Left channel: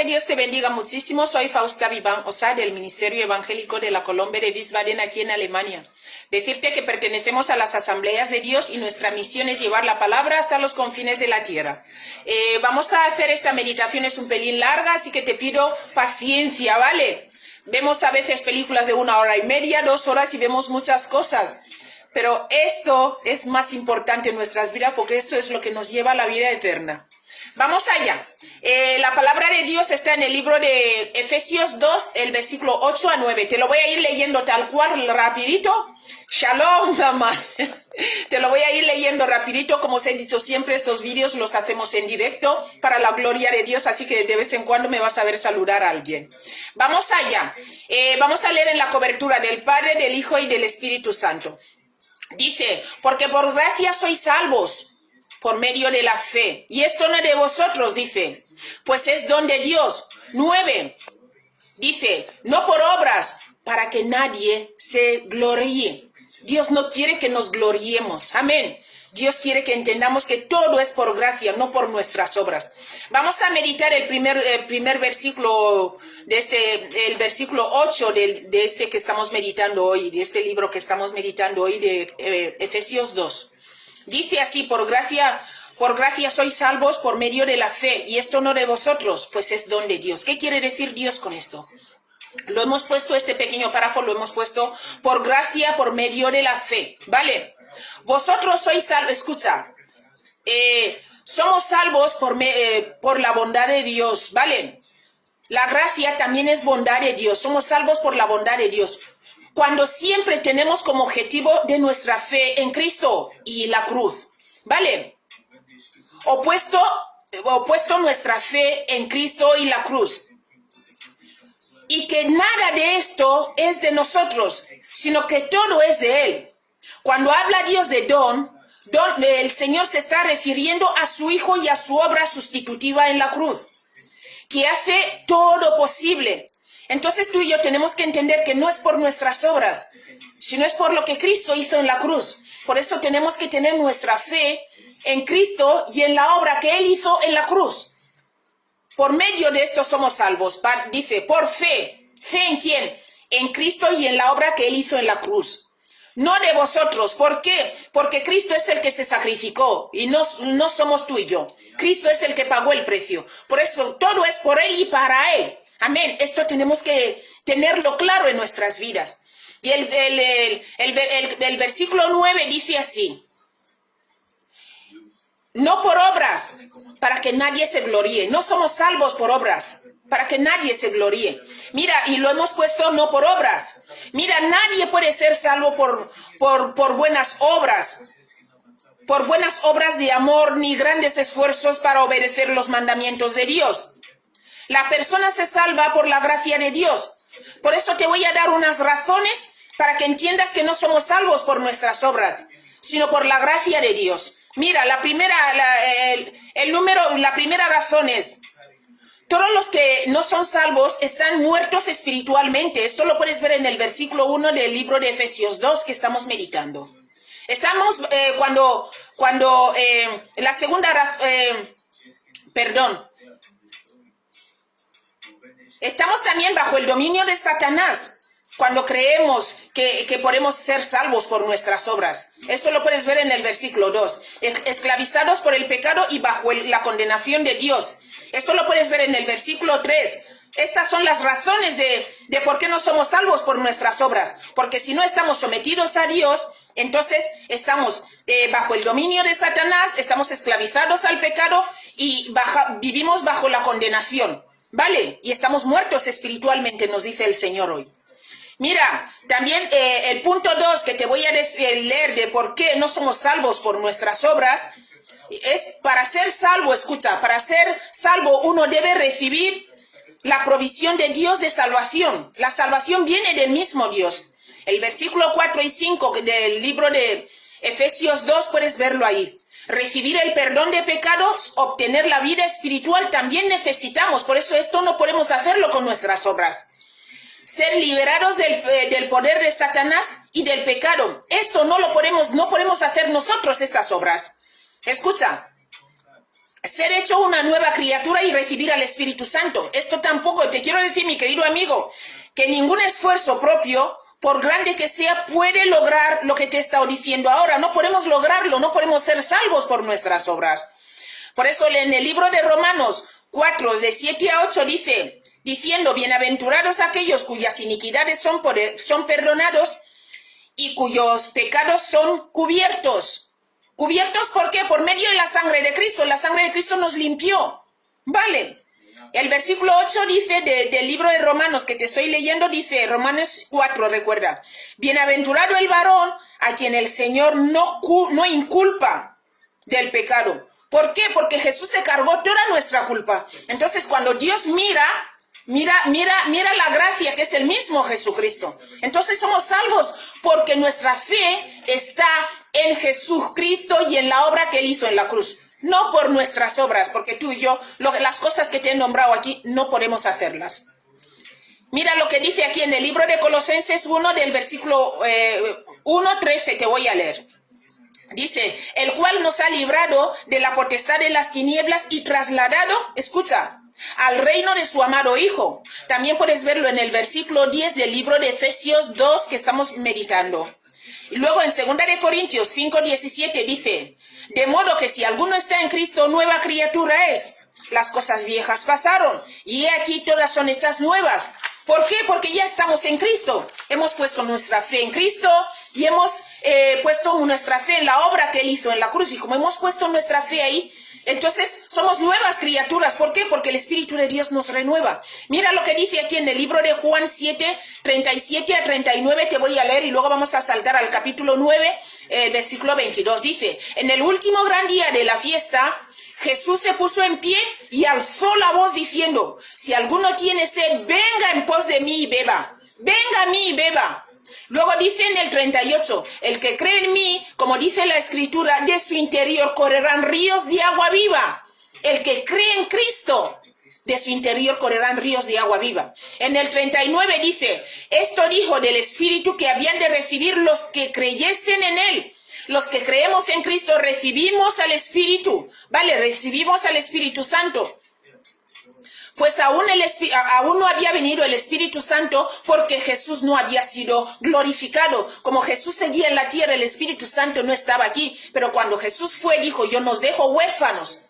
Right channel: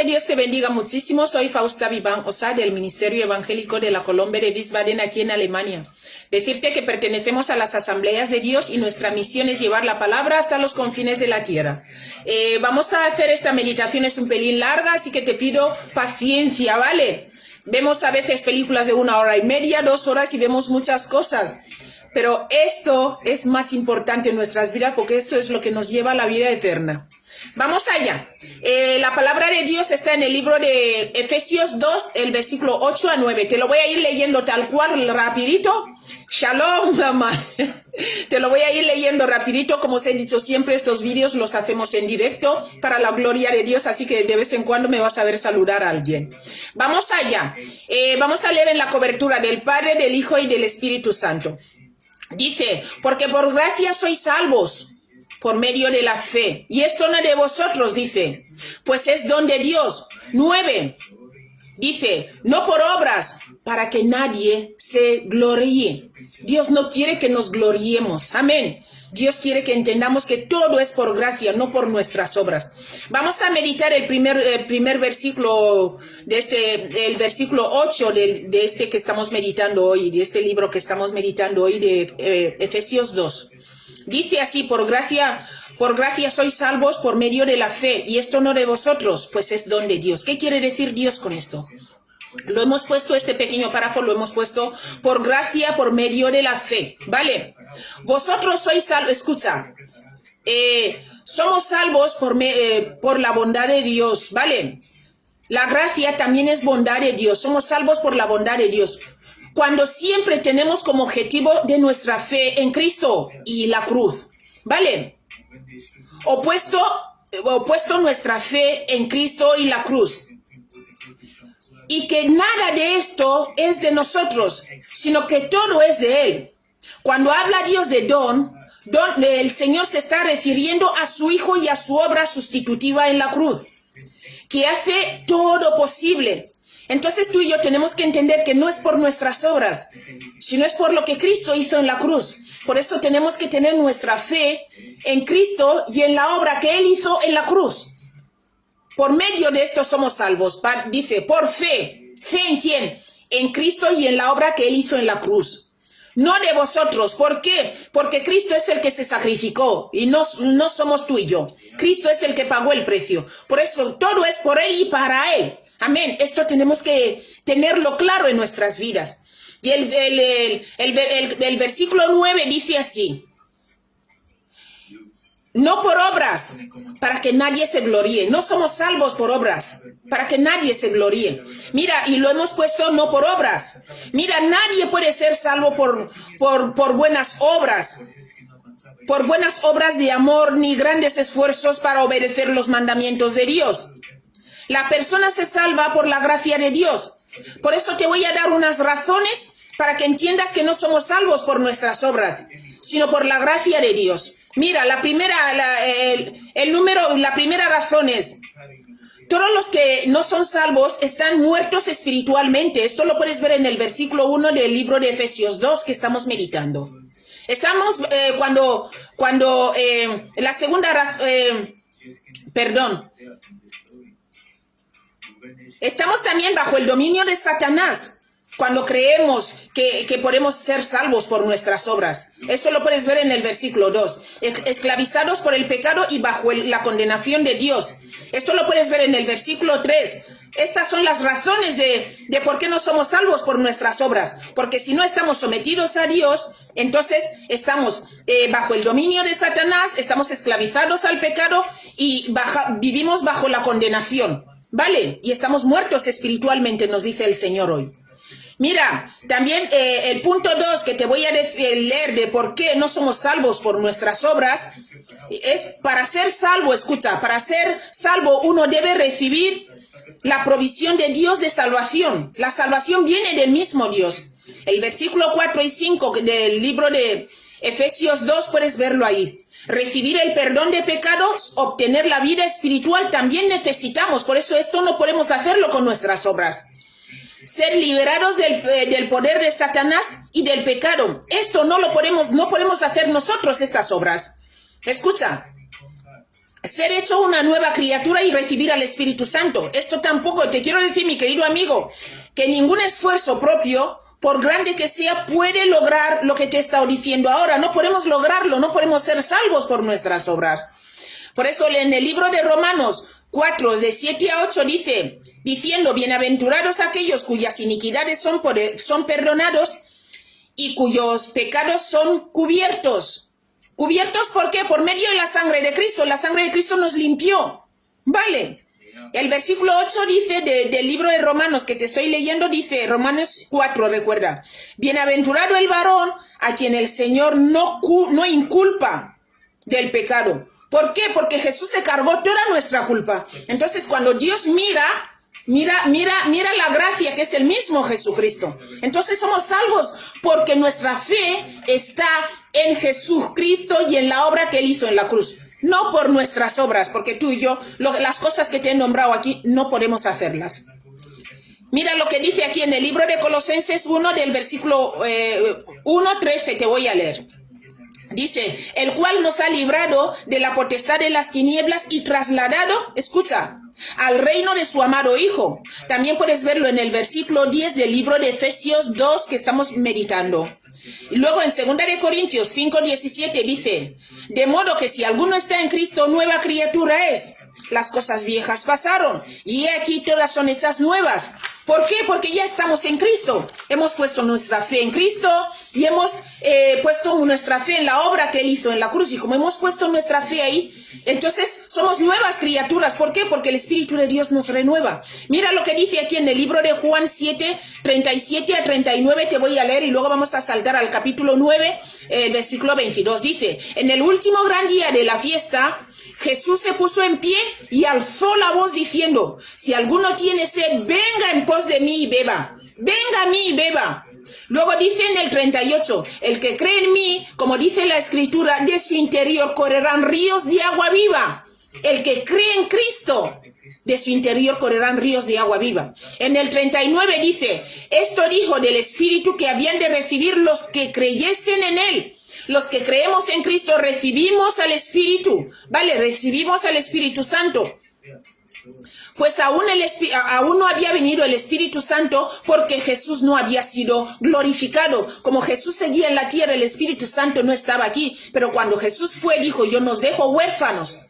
que Dios te bendiga muchísimo. Soy Fausta Vivan Osa del Ministerio Evangélico de la Colombe de Wiesbaden aquí en Alemania. Decirte que pertenecemos a las Asambleas de Dios y nuestra misión es llevar la palabra hasta los confines de la tierra. Vamos a hacer esta meditación, es un pelín larga, así que te pido paciencia, ¿vale? Vemos a veces películas de 1 hora y media, 2 horas y vemos muchas cosas. Pero esto es más importante en nuestras vidas porque esto es lo que nos lleva a la vida eterna. Vamos allá. La palabra de Dios está en el libro de Efesios 2, el versículo 8 a 9. Te lo voy a ir leyendo tal cual, rapidito. Shalom, mamá. Te lo voy a ir leyendo rapidito. Como os he dicho siempre, estos vídeos los hacemos en directo para la gloria de Dios, así que de vez en cuando me vas a ver saludar a alguien. Vamos allá. Vamos a leer en la cobertura del Padre, del Hijo y del Espíritu Santo. Dice, porque por gracia sois salvos por medio de la fe. Y esto no es de vosotros, dice, pues es don de Dios. 9, dice, no por obras, para que nadie se gloríe. Dios no quiere que nos gloriemos. Amén. Dios quiere que entendamos que todo es por gracia, no por nuestras obras. Vamos a meditar el primer versículo, el versículo 8 de este que estamos meditando hoy, de este libro que estamos meditando hoy, de Efesios 2. Dice así, por gracia sois salvos por medio de la fe, y esto no de vosotros, pues es don de Dios. ¿Qué quiere decir Dios con esto? Lo hemos puesto, este pequeño párrafo lo hemos puesto por gracia, por medio de la fe, ¿vale? Vosotros sois salvos, escucha, somos salvos por la bondad de Dios, ¿vale? La gracia también es bondad de Dios, somos salvos por la bondad de Dios. Cuando siempre tenemos como objetivo de nuestra fe en Cristo y la cruz, ¿vale? Opuesto nuestra fe en Cristo y la cruz. Y que nada de esto es de nosotros, sino que todo es de Él. Cuando habla Dios de don, el Señor se está refiriendo a su Hijo y a su obra sustitutiva en la cruz, que hace todo posible. Entonces tú y yo tenemos que entender que no es por nuestras obras, sino es por lo que Cristo hizo en la cruz. Por eso tenemos que tener nuestra fe en Cristo y en la obra que Él hizo en la cruz. Por medio de esto somos salvos. Dice, por fe. ¿Fe en quién? En Cristo y en la obra que Él hizo en la cruz. No de vosotros. ¿Por qué? Porque Cristo es el que se sacrificó y no somos tú y yo. Cristo es el que pagó el precio. Por eso todo es por Él y para Él. Amén. Esto tenemos que tenerlo claro en nuestras vidas. Y el versículo 9 dice así. No por obras, para que nadie se gloríe. No somos salvos por obras, para que nadie se gloríe. Mira, y lo hemos puesto no por obras. Mira, nadie puede ser salvo por buenas obras. Por buenas obras de amor, ni grandes esfuerzos para obedecer los mandamientos de Dios. La persona se salva por la gracia de Dios. Por eso te voy a dar unas razones para que entiendas que no somos salvos por nuestras obras, sino por la gracia de Dios. Mira, la primera razón es, todos los que no son salvos están muertos espiritualmente. Esto lo puedes ver en el versículo 1 del libro de Efesios 2 que estamos meditando. Estamos, la segunda razón, estamos también bajo el dominio de Satanás cuando creemos que podemos ser salvos por nuestras obras. Esto lo puedes ver en el versículo 2. Esclavizados por el pecado y bajo la condenación de Dios. Esto lo puedes ver en el versículo 3. Estas son las razones de por qué no somos salvos por nuestras obras. Porque si no estamos sometidos a Dios, entonces estamos bajo el dominio de Satanás, estamos esclavizados al pecado y vivimos bajo la condenación. ¿Vale? Y estamos muertos espiritualmente, nos dice el Señor hoy. Mira, también el punto 2 que te voy a leer de por qué no somos salvos por nuestras obras, es para ser salvo, escucha, para ser salvo uno debe recibir la provisión de Dios de salvación. La salvación viene del mismo Dios. El versículo 4 y 5 del libro de Efesios 2 puedes verlo ahí. Recibir el perdón de pecados, obtener la vida espiritual también necesitamos. Por eso esto no podemos hacerlo con nuestras obras. Ser liberados del poder de Satanás y del pecado. Esto no podemos hacer nosotros estas obras. Escucha. ser hecho una nueva criatura y recibir al Espíritu Santo. Esto tampoco, te quiero decir, mi querido amigo, que ningún esfuerzo propio, por grande que sea, puede lograr lo que te he estado diciendo ahora. No podemos lograrlo, no podemos ser salvos por nuestras obras. Por eso en el libro de Romanos 4, de 7 a 8 dice, diciendo, bienaventurados aquellos cuyas iniquidades son perdonados y cuyos pecados son cubiertos. ¿Cubiertos por qué? Por medio de la sangre de Cristo. La sangre de Cristo nos limpió. ¿Vale? El versículo 8 dice del libro de Romanos que te estoy leyendo, dice, Romanos 4, recuerda. Bienaventurado el varón a quien el Señor no inculpa del pecado. ¿Por qué? Porque Jesús se cargó toda nuestra culpa. Entonces, cuando Dios mira la gracia que es el mismo Jesucristo. Entonces somos salvos porque nuestra fe está en Jesucristo y en la obra que Él hizo en la cruz. No por nuestras obras, porque tú y yo, las cosas que te he nombrado aquí, no podemos hacerlas. Mira lo que dice aquí en el libro de Colosenses 1, del versículo 1:13, te voy a leer. Dice, el cual nos ha librado de la potestad de las tinieblas y trasladado, escucha, al reino de su amado Hijo. También puedes verlo en el versículo 10 del libro de Efesios 2 que estamos meditando. Y luego en 2 de Corintios 5:17 dice, de modo que si alguno está en Cristo, nueva criatura es. Las cosas viejas pasaron y he aquí todas son hechas nuevas. ¿Por qué? Porque ya estamos en Cristo. Hemos puesto nuestra fe en Cristo y hemos puesto nuestra fe en la obra que Él hizo en la cruz. Y como hemos puesto nuestra fe ahí, entonces somos nuevas criaturas. ¿Por qué? Porque el Espíritu de Dios nos renueva. Mira lo que dice aquí en el libro de Juan 7, 37 a 39. Te voy a leer y luego vamos a saltar al capítulo 9, versículo 22. Dice, en el último gran día de la fiesta, Jesús se puso en pie y alzó la voz diciendo, si alguno tiene sed, venga en pos de mí y beba. Venga a mí y beba. Luego dice en el 38, el que cree en mí, como dice la Escritura, de su interior correrán ríos de agua viva. El que cree en Cristo, de su interior correrán ríos de agua viva. En el 39 dice, esto dijo del Espíritu que habían de recibir los que creyesen en Él. Los que creemos en Cristo recibimos al Espíritu, ¿vale? Recibimos al Espíritu Santo. Pues aún no había venido el Espíritu Santo porque Jesús no había sido glorificado. Como Jesús seguía en la tierra, el Espíritu Santo no estaba aquí. Pero cuando Jesús fue, dijo, yo nos dejo huérfanos.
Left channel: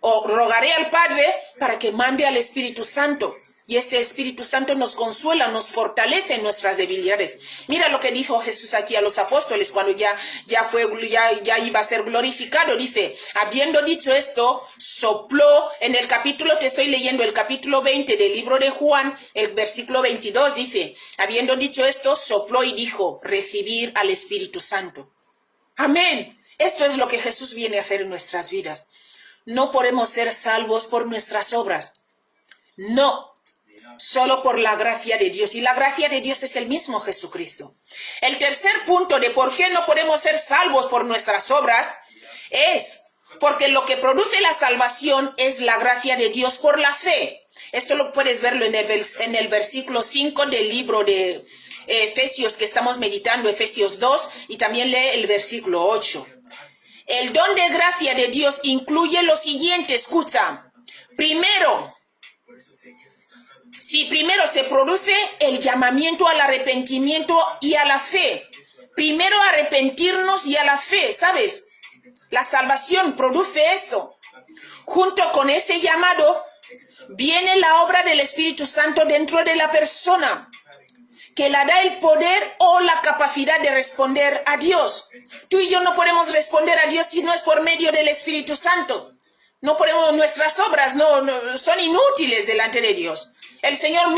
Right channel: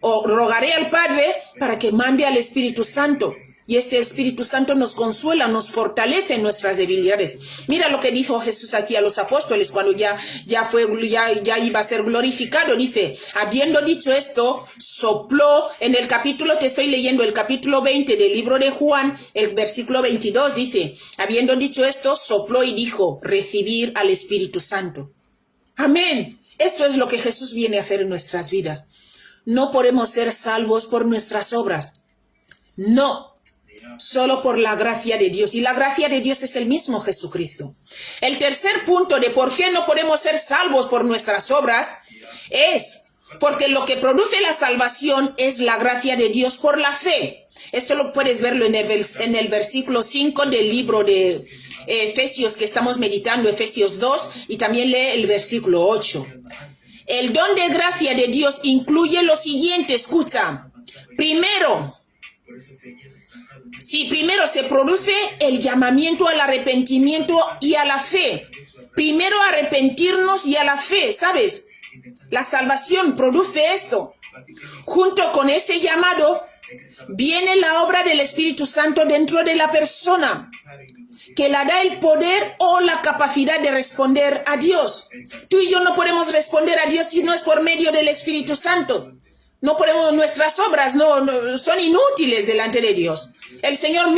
O rogaré al Padre para que mande al Espíritu Santo. Y ese Espíritu Santo nos consuela, nos fortalece en nuestras debilidades. Mira lo que dijo Jesús aquí a los apóstoles cuando ya iba a ser glorificado. Dice, habiendo dicho esto, sopló en el capítulo que estoy leyendo, el capítulo 20 del libro de Juan, el versículo 22, dice, habiendo dicho esto, sopló y dijo, recibir al Espíritu Santo. Amén. Esto es lo que Jesús viene a hacer en nuestras vidas. No podemos ser salvos por nuestras obras. No. Solo por la gracia de Dios. Y la gracia de Dios es el mismo Jesucristo. El tercer punto de por qué no podemos ser salvos por nuestras obras es porque lo que produce la salvación es la gracia de Dios por la fe. Esto lo puedes verlo en el versículo 5 del libro de Efesios que estamos meditando, Efesios 2, y también lee el versículo 8. El don de gracia de Dios incluye lo siguiente, escucha. Primero se produce el llamamiento al arrepentimiento y a la fe. Primero arrepentirnos y a la fe, ¿sabes? La salvación produce esto. Junto con ese llamado viene la obra del Espíritu Santo dentro de la persona, que le da el poder o la capacidad de responder a Dios. Tú y yo no podemos responder a Dios si no es por medio del Espíritu Santo. No podemos, nuestras obras no son inútiles delante de Dios. El Señor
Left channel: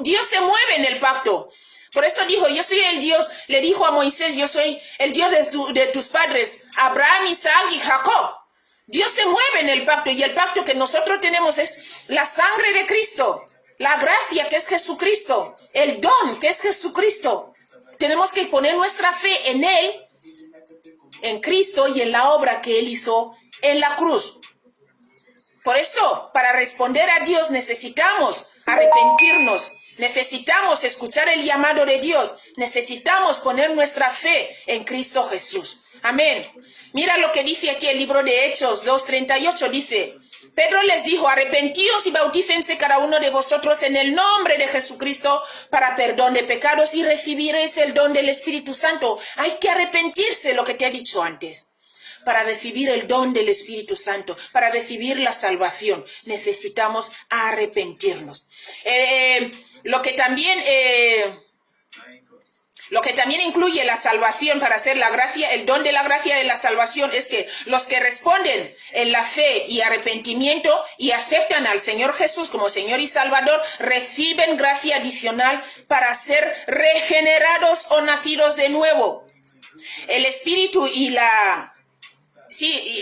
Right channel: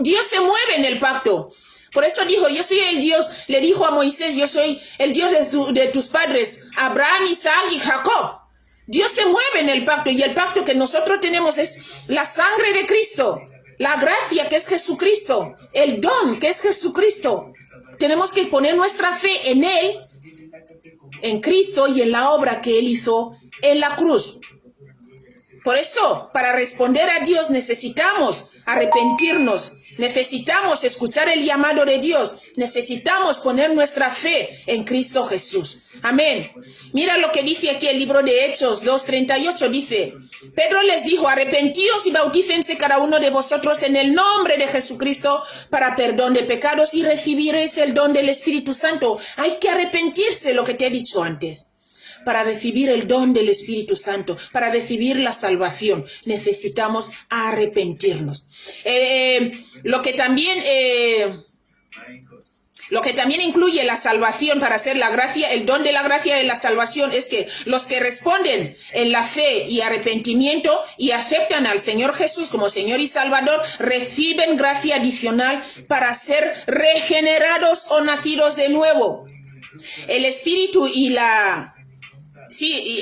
Dios se mueve en el pacto. Por eso dijo, yo soy el Dios, le dijo a Moisés, yo soy el Dios de tus padres, Abraham, Isaac y Jacob. Dios se mueve en el pacto y el pacto que nosotros tenemos es la sangre de Cristo, la gracia que es Jesucristo, el don que es Jesucristo. Tenemos que poner nuestra fe en Él, en Cristo y en la obra que Él hizo en la cruz. Por eso, para responder a Dios necesitamos arrepentirnos, necesitamos escuchar el llamado de Dios, necesitamos poner nuestra fe en Cristo Jesús. Amén. Mira lo que dice aquí el libro de Hechos 2:38, dice: Pedro les dijo: arrepentíos y bautícense cada uno de vosotros en el nombre de Jesucristo para perdón de pecados y recibiréis el don del Espíritu Santo. Hay que arrepentirse, lo que te he dicho antes. Para recibir el don del Espíritu Santo, para recibir la salvación, necesitamos arrepentirnos. Lo que también incluye la salvación para hacer la gracia, el don de la gracia de la salvación, es que los que responden en la fe y arrepentimiento y aceptan al Señor Jesús como Señor y Salvador, reciben gracia adicional para ser regenerados o nacidos de nuevo. El Espíritu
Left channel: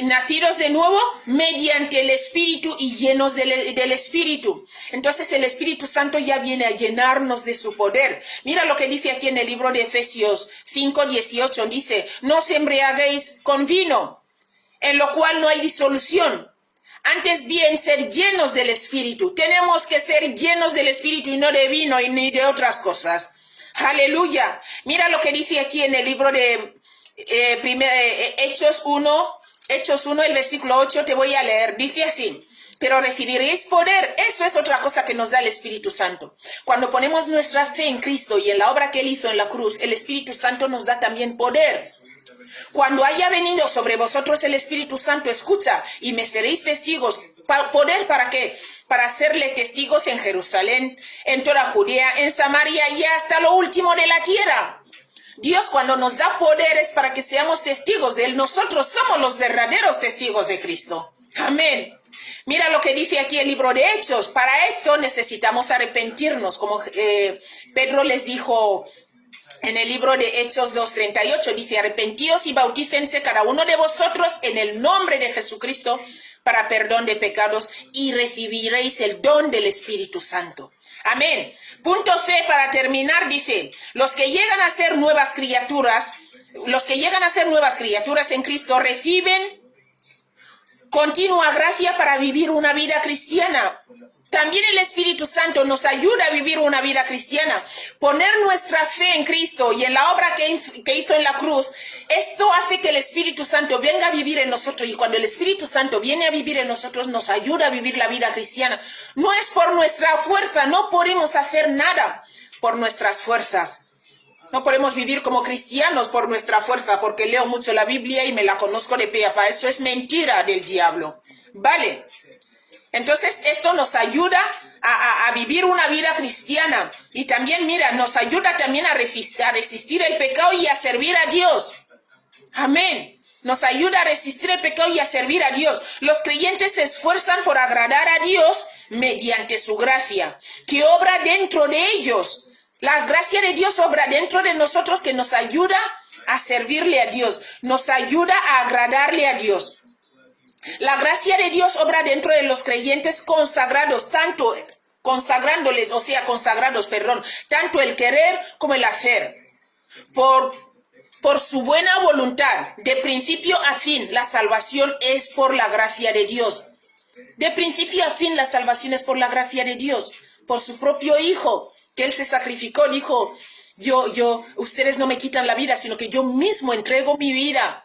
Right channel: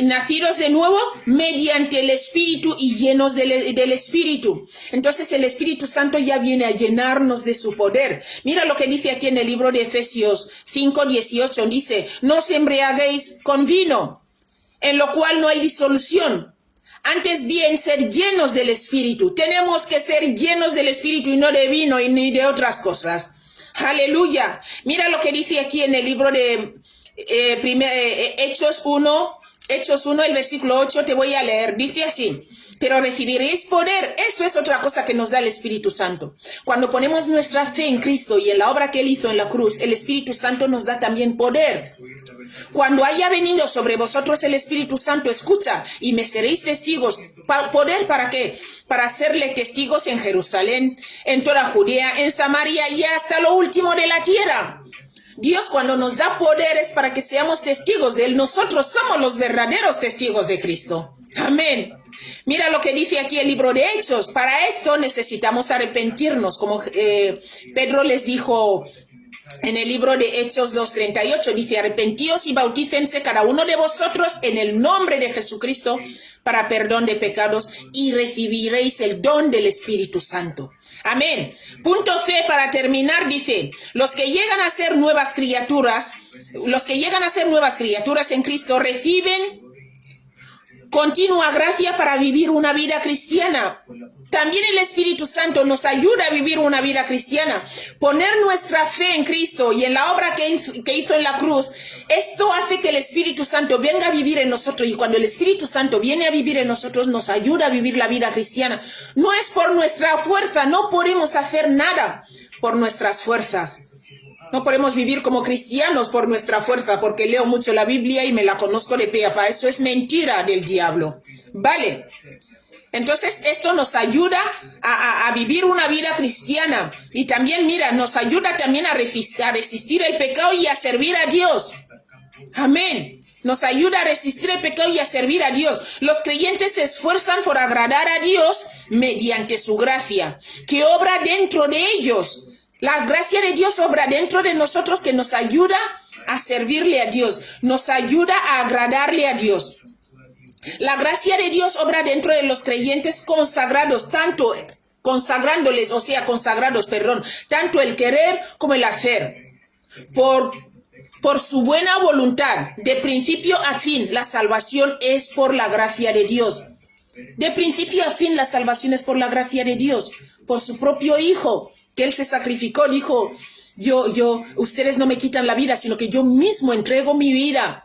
nacidos de nuevo mediante el Espíritu y llenos del Espíritu. Entonces el Espíritu Santo ya viene a llenarnos de su poder. Mira lo que dice aquí en el libro de Efesios 5:18. Dice: no os embriaguéis con vino, en lo cual no hay disolución. Antes bien, ser llenos del Espíritu. Tenemos que ser llenos del Espíritu y no de vino y ni de otras cosas. Aleluya. Mira lo que dice aquí en el libro de Hechos 1, el versículo 8, te voy a leer. Dice así: pero recibiréis poder. Esto es otra cosa que nos da el Espíritu Santo. Cuando ponemos nuestra fe en Cristo y en la obra que Él hizo en la cruz, el Espíritu Santo nos da también poder. Cuando haya venido sobre vosotros el Espíritu Santo, escucha, y me seréis testigos. ¿Poder para qué? Para serle testigos en Jerusalén, en toda Judea, en Samaria y hasta lo último de la tierra. Dios, cuando nos da poderes para que seamos testigos de Él, nosotros somos los verdaderos testigos de Cristo. Amén. Mira lo que dice aquí el libro de Hechos. Para esto necesitamos arrepentirnos, como Pedro les dijo en el libro de Hechos 2:38. Dice: arrepentíos y bautícense cada uno de vosotros en el nombre de Jesucristo para perdón de pecados y recibiréis el don del Espíritu Santo. Amén. Punto fe para terminar, dice: los que llegan a ser nuevas criaturas en Cristo reciben continua gracia para vivir una vida cristiana. También el Espíritu Santo nos ayuda a vivir una vida cristiana. Poner nuestra fe en Cristo y en la obra que hizo en la cruz, esto hace que el Espíritu Santo venga a vivir en nosotros. Y cuando el Espíritu Santo viene a vivir en nosotros, nos ayuda a vivir la vida cristiana. No es por nuestra fuerza, no podemos hacer nada por nuestras fuerzas. No podemos vivir como cristianos por nuestra fuerza, porque leo mucho la Biblia y me la conozco de pe a pa. Eso es mentira del diablo. ¿Vale? Entonces esto nos ayuda a vivir una vida cristiana. Y también, mira, nos ayuda también a resistir el pecado y a servir a Dios. Amén. Nos ayuda a resistir el pecado y a servir a Dios. Los creyentes se esfuerzan por agradar a Dios mediante su gracia, que obra dentro de ellos. La gracia de Dios obra dentro de nosotros, que nos ayuda a servirle a Dios, nos ayuda a agradarle a Dios. La gracia de Dios obra dentro de los creyentes consagrados, tanto el querer como el hacer. Por su buena voluntad, de principio a fin, la salvación es por la gracia de Dios. De principio a fin, la salvación es por la gracia de Dios, por su propio Hijo, que Él se sacrificó. Dijo: ustedes no me quitan la vida, sino que yo mismo entrego mi vida.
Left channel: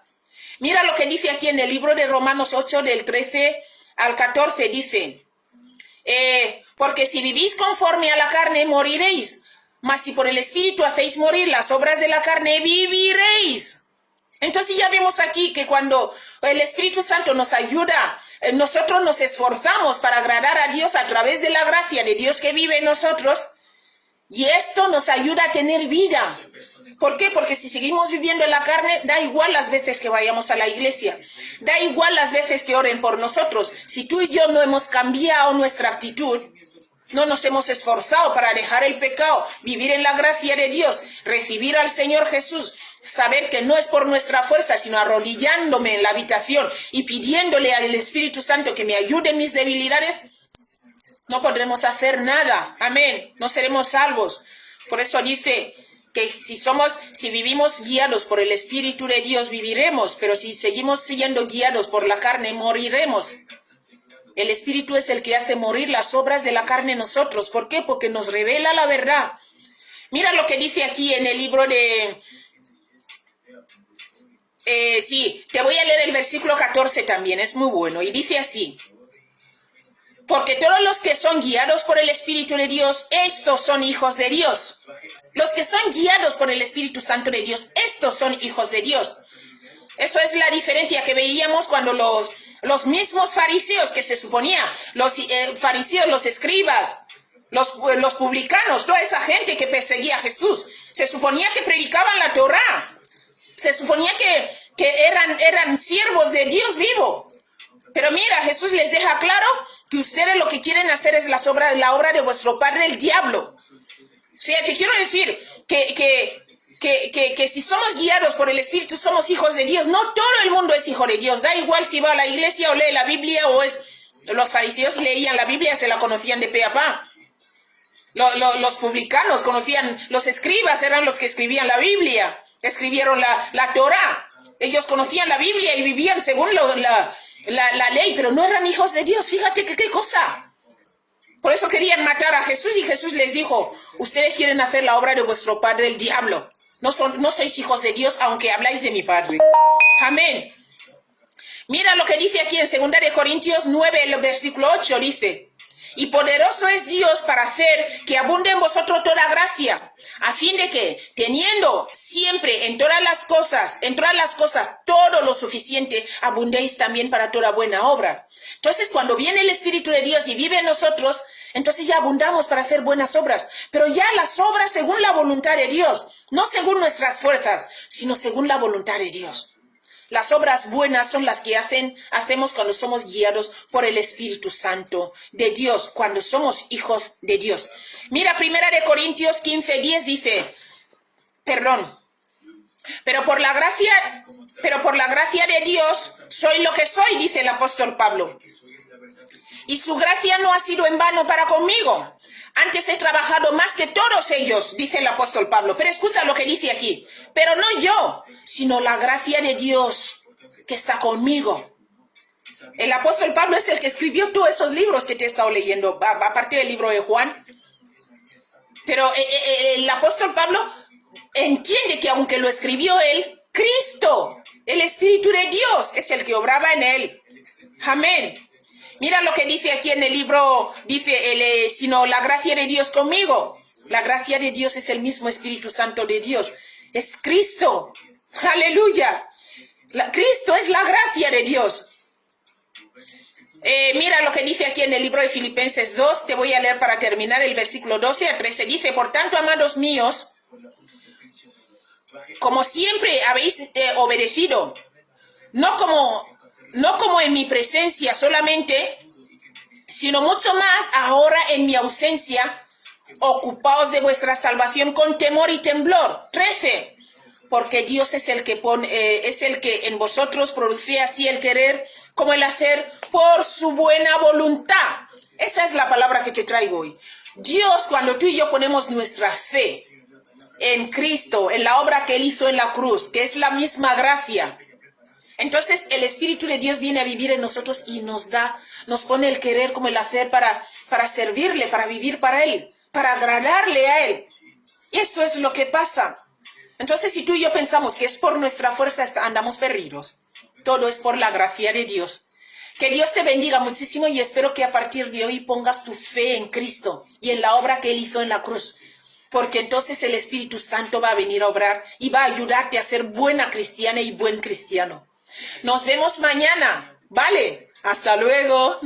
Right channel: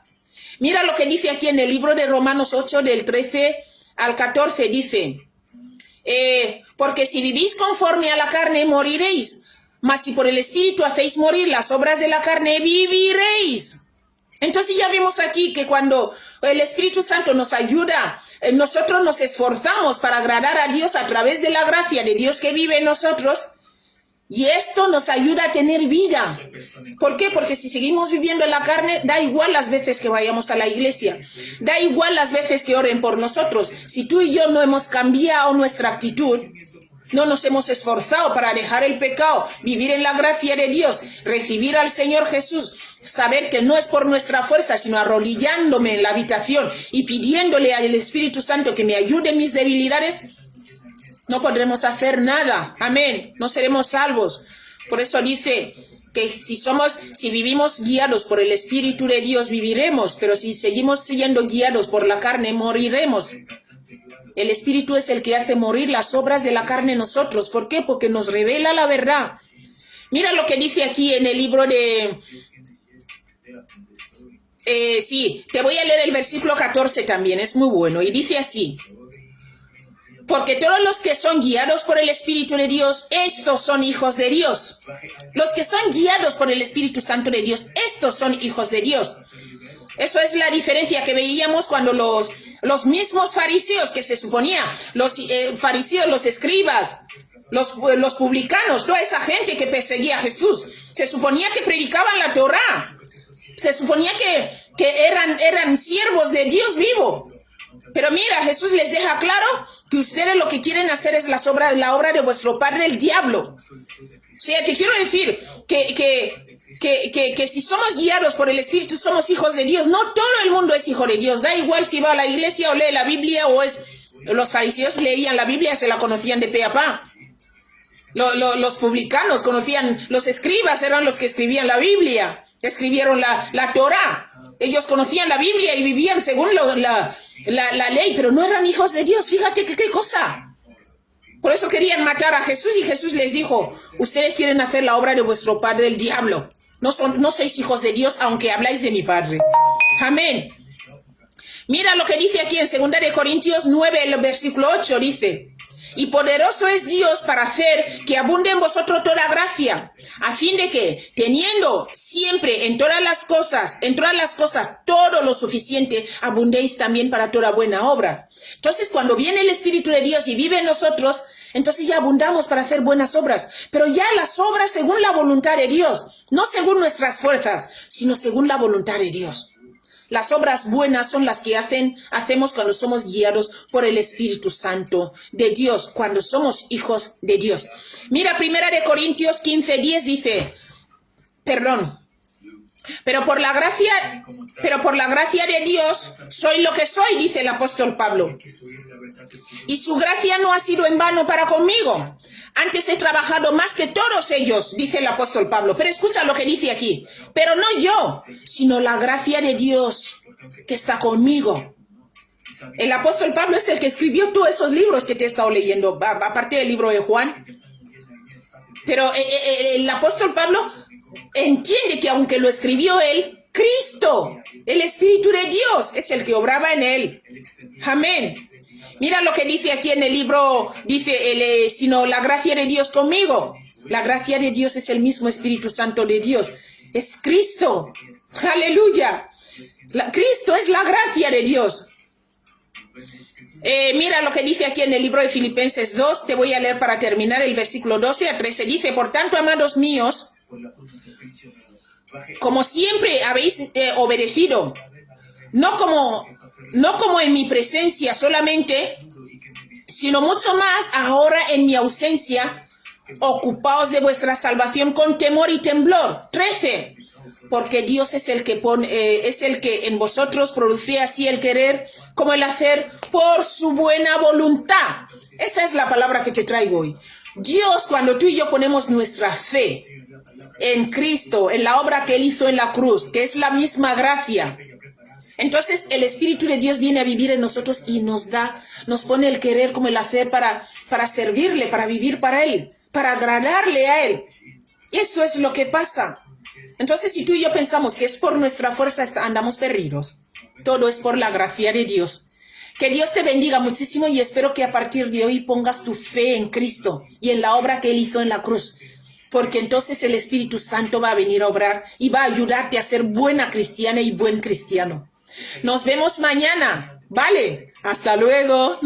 Mira lo que dice aquí en el libro de Romanos 8, del 13 al 14, dice: porque si vivís conforme a la carne, moriréis, mas si por el Espíritu hacéis morir las obras de la carne, viviréis. Entonces ya vimos aquí que cuando el Espíritu Santo nos ayuda, nosotros nos esforzamos para agradar a Dios a través de la gracia de Dios que vive en nosotros. Y esto nos ayuda a tener vida. ¿Por qué? Porque si seguimos viviendo en la carne, da igual las veces que vayamos a la iglesia. Da igual las veces que oren por nosotros. Si tú y yo no hemos cambiado nuestra actitud, no nos hemos esforzado para dejar el pecado, vivir en la gracia de Dios, recibir al Señor Jesús, saber que no es por nuestra fuerza, sino arrodillándome en la habitación y pidiéndole al Espíritu Santo que me ayude en mis debilidades, no podremos hacer nada. Amén. No seremos salvos. Por eso dice que si vivimos guiados por el Espíritu de Dios, viviremos. Pero si seguimos siendo guiados por la carne, moriremos. El Espíritu es el que hace morir las obras de la carne en nosotros. ¿Por qué? Porque nos revela la verdad. Mira lo que dice aquí en el libro de... sí, te voy a leer el versículo 14 también, es muy bueno. Y dice así: porque todos los que son guiados por el Espíritu de Dios, estos son hijos de Dios. Los que son guiados por el Espíritu Santo de Dios, estos son hijos de Dios. Eso es la diferencia que veíamos cuando los mismos fariseos que se suponía, los fariseos, los escribas, los publicanos, toda esa gente que perseguía a Jesús, se suponía que predicaban la Torá, se suponía que eran siervos de Dios vivo. Pero mira, Jesús les deja claro que ustedes lo que quieren hacer es la obra de vuestro padre el diablo. O sea, te quiero decir que si somos guiados por el Espíritu, somos hijos de Dios. No todo el mundo es hijo de Dios. Da igual si va a la iglesia o lee la Biblia o es... Los fariseos leían la Biblia, se la conocían de pe a pa. Los publicanos conocían, los escribas eran los que escribían la Biblia, escribieron la Torá. Ellos conocían la Biblia y vivían según la ley, pero no eran hijos de Dios. Fíjate qué cosa. Por eso querían matar a Jesús y Jesús les dijo: ustedes quieren hacer la obra de vuestro padre el diablo. No sois hijos de Dios, aunque habláis de mi padre. Amén. Mira lo que dice aquí en 2 Corintios 9, el versículo 8, dice: y poderoso es Dios para hacer que abunde en vosotros toda gracia, a fin de que, teniendo siempre en todas las cosas todo lo suficiente, abundéis también para toda buena obra. Entonces, cuando viene el Espíritu de Dios y vive en nosotros, entonces ya abundamos para hacer buenas obras, pero ya las obras según la voluntad de Dios, no según nuestras fuerzas, sino según la voluntad de Dios. Las obras buenas son las que hacemos cuando somos guiados por el Espíritu Santo de Dios, cuando somos hijos de Dios. Mira, 1 Corintios 15:10 dice, pero por la gracia de Dios soy lo que soy, dice el apóstol Pablo. Y su gracia no ha sido en vano para conmigo. Antes he trabajado más que todos ellos, dice el apóstol Pablo. Pero escucha lo que dice aquí. Pero no yo, sino la gracia de Dios que está conmigo. El apóstol Pablo es el que escribió todos esos libros que te he estado leyendo, aparte del libro de Juan. Pero el apóstol Pablo entiende que aunque lo escribió él, Cristo, el Espíritu de Dios, es el que obraba en él. Amén. Mira lo que dice aquí en el libro, dice, sino la gracia de Dios conmigo. La gracia de Dios es el mismo Espíritu Santo de Dios. Es Cristo. Aleluya. Cristo es la gracia de Dios. Mira lo que dice aquí en el libro de Filipenses 2. Te voy a leer para terminar el versículo 12 a 13. Dice, por tanto, amados míos, como siempre habéis obedecido, no como en mi presencia solamente, sino mucho más ahora en mi ausencia, ocupaos de vuestra salvación con temor y temblor. 13. Porque Dios es el que en vosotros produce así el querer como el hacer por su buena voluntad. Esa es la palabra que te traigo hoy. Dios, cuando tú y yo ponemos nuestra fe en Cristo, en la obra que Él hizo en la cruz, que es la misma gracia, entonces el Espíritu de Dios viene a vivir en nosotros y nos pone el querer como el hacer para servirle, para vivir para Él, para agradarle a Él. Eso es lo que pasa. Entonces, si tú y yo pensamos que es por nuestra fuerza, andamos perdidos. Todo es por la gracia de Dios. Que Dios te bendiga muchísimo y espero que a partir de hoy pongas tu fe en Cristo y en la obra que Él hizo en la cruz. Porque entonces el Espíritu Santo va a venir a obrar y va a ayudarte a ser buena cristiana y buen cristiano. Nos vemos mañana, ¿vale? Hasta luego.